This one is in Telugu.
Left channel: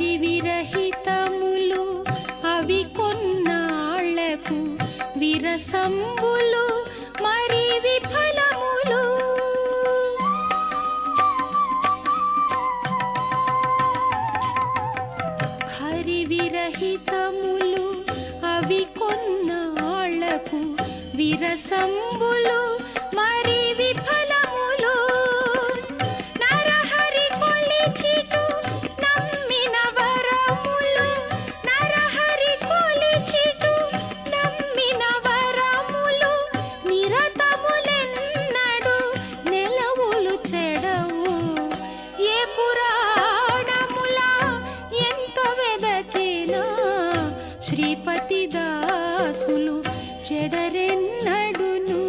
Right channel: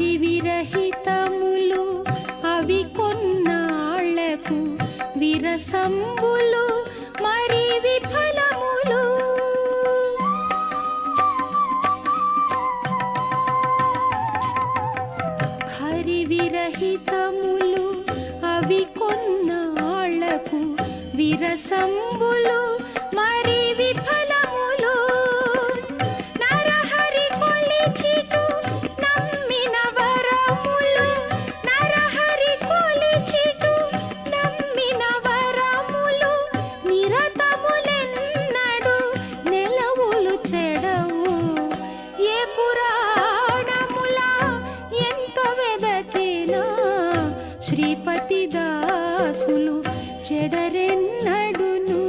హరి విరహితములు అవి కొన్నాళ్లకు విరసంబులు మరి విఫలములు. హరి విరహితములు అవి కొన్నాళ్లకు విరసంబులు మరి విఫలములు. నరహరి కొలిచిటు నమ్మిన వరములు, నరహరి కొలిచిటు నమ్మిన వరములు నిరతములెన్నడు నెలవులు చెడవు. ఏ పురాణములా ఎంత వెదకినా శ్రీపతి దాసులు చెడరెన్నడును.